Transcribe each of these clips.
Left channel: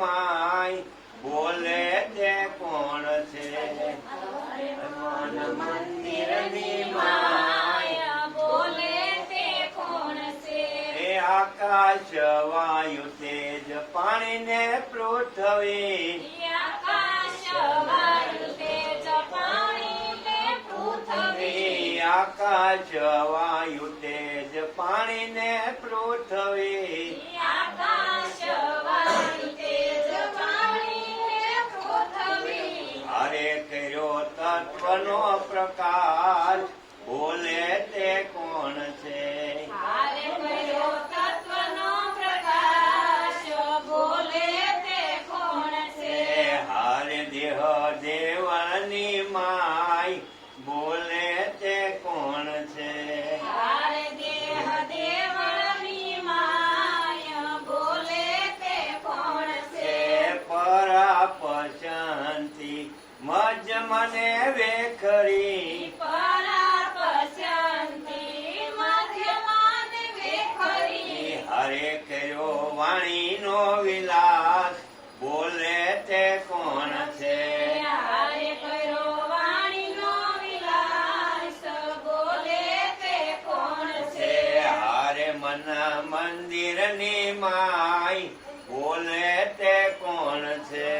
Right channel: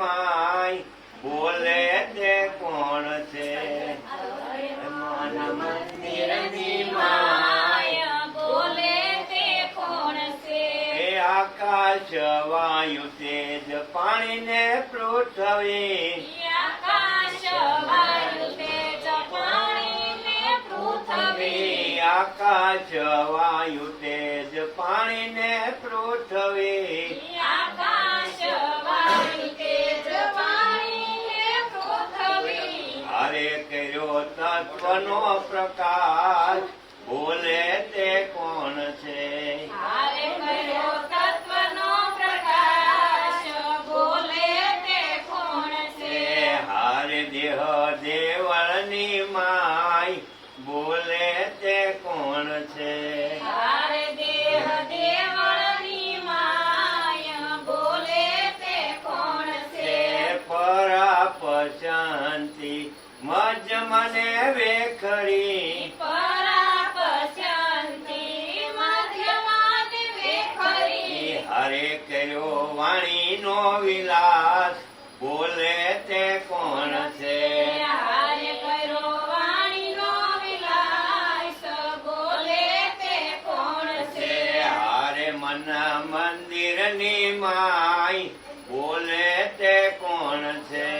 My બોલે તે કોણ છે? મન મંદિરની માય બોલે તે કોણ છે? એ આકાશ વાયુ તેજ પાણી ને પૃથ્વી આકાશ વાયુ તેજ પાણી ને પૃથ્વી આકાશ વાયુ તેજ પાણી ને પૃથ્વી આકાશ વાયુ તેજ પાણી ને પૃથ્વી હારે કર્યો તત્વનો પ્રકાશ બોલે તે કોણ છે? હારે કર્યો તત્વનો પ્રકાશ બોલે તે કોણ છે? હારે દેહ દેવળની માય બોલે તે કોણ છે? હારે દેહ દેવળની માય બોલે તે કોણ છે? પરાપ શાંતિ મજ મને વેખરી પરાપ શાંતિ મધ્યમાં વેખરી હરે કર્યો વાણીનો વિલાસ બોલે તે કોણ છે? હારે કર્યો વાણીનો વિલાસ બોલે તે કોણ છે? હારે મન મંદિરની માય બોલે તે કોણ છે?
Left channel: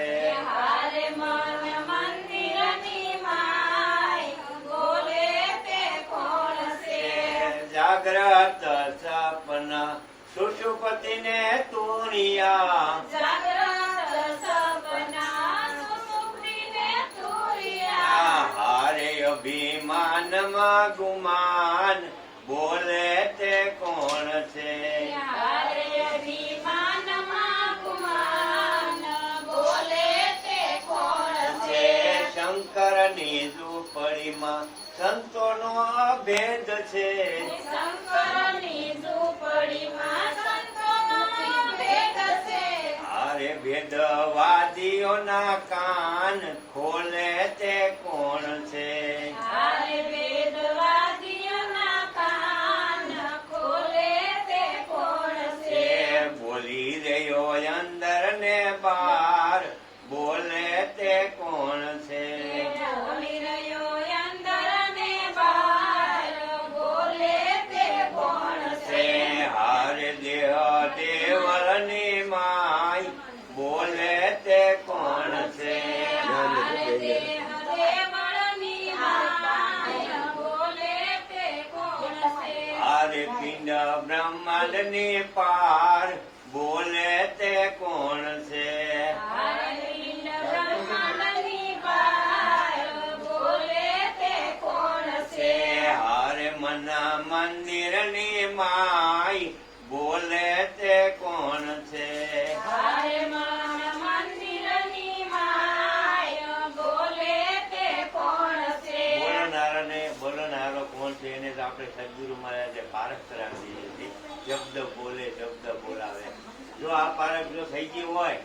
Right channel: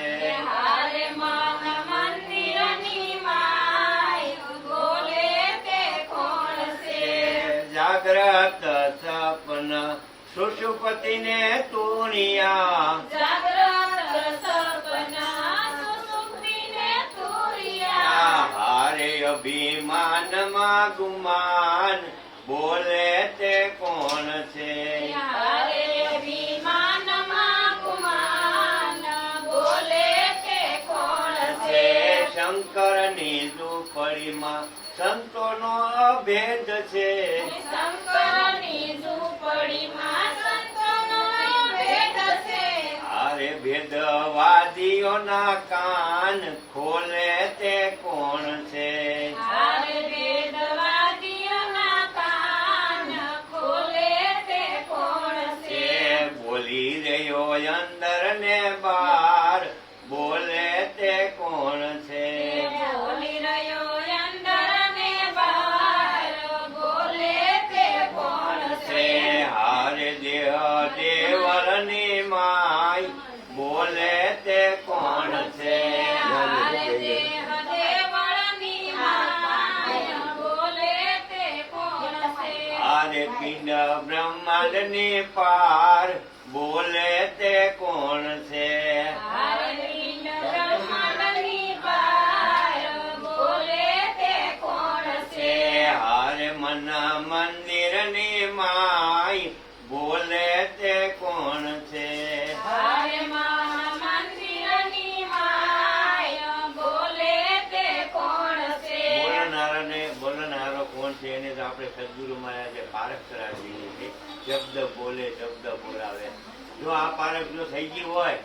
હારે મન મંદિરની માય બોલે તે કોણ છે? જાગ્રત સપન સુષુપતિને તુણિયા જાગ્રત સપના સુષુપ્તિને તુર્યા હારે અભિમાનમાં ગુમાન બોલે તે કોણ છે? હારે અભિમાનમાં ગુમાન બોલે તે કોણ છે? શંકરની ઝૂંપડીમાં સંતોનો ભેદ છે શંકરની ઝૂંપડીમાં સંતોનો ભેદ છે. હારે ભેદવાદીઓના કાન ખોલે તે કોણ છે? હારે વેદવાદીઓના કાન ખોલે તે કોણ છે? બોલી રહ્યો અંદર ને બહાર બોલે તે કોણ છે? બોલી રહ્યો અંદર ને બહાર બોલે તે કોણ છે? હારે દેહ દેવળની માય બોલે તે કોણ છે? હારે દેહ દેવળની માય બોલે તે કોણ છે? હારે પિંડ બ્રહ્માંડની પાર બોલે તે કોણ છે? હારે પિંડ બ્રહ્માંડની પાર બોલે તે કોણ છે? હારે મન મંદિરની માય બોલે તે કોણ છે? હારે મન મંદિરની માય બોલે તે કોણ છે? બોલનારો કોણ છે એને તો આપણે સદગુરુ મહારાજે પારખ કરાવી દીધી છે. શબ્દ બોલે શબ્દ બોલાવે. જો આ પારખ જો થઈ ગઈ હોય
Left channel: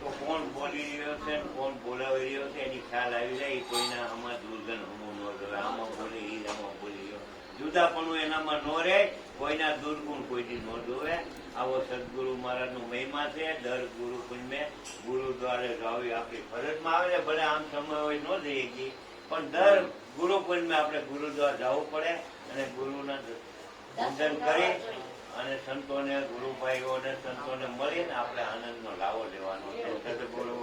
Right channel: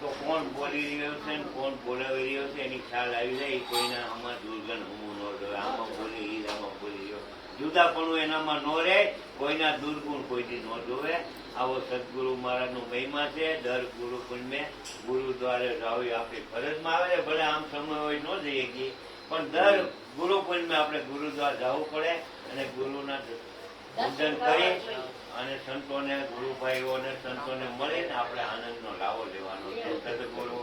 તો કોણ બોલી રહ્યો છે ને કોણ બોલાવી રહ્યો છે એની ખ્યાલ આવી જાય. કોઈના આમાં દુર્ગંધ હમું ન જોવે. આમાં બોલે ઈ આમાં બોલી રહ્યો જુદાપણું એનામાં ન રહે. કોઈના દુર્ગુણ કોઈથી ન જોવે. આવો સદગુરુ મહારાજનો મહિમા છે. દર ગુરુ પુણ્ય ગુરુદ્વારે જાવી આપણી ફરજમાં આવે છે. ભલે આમ સમય હોય ન જઈએ ગઈ પણ દર ગુરુ પુણ્ય આપણે ગુરુદ્વાર જવું પડે અને ગુરુના પૂજન કરી અને સંતોને ગુરુભાઈઓને સંતોને મળીને આપણે આનંદનો લાવો લેવાનો છે. સદગુરુ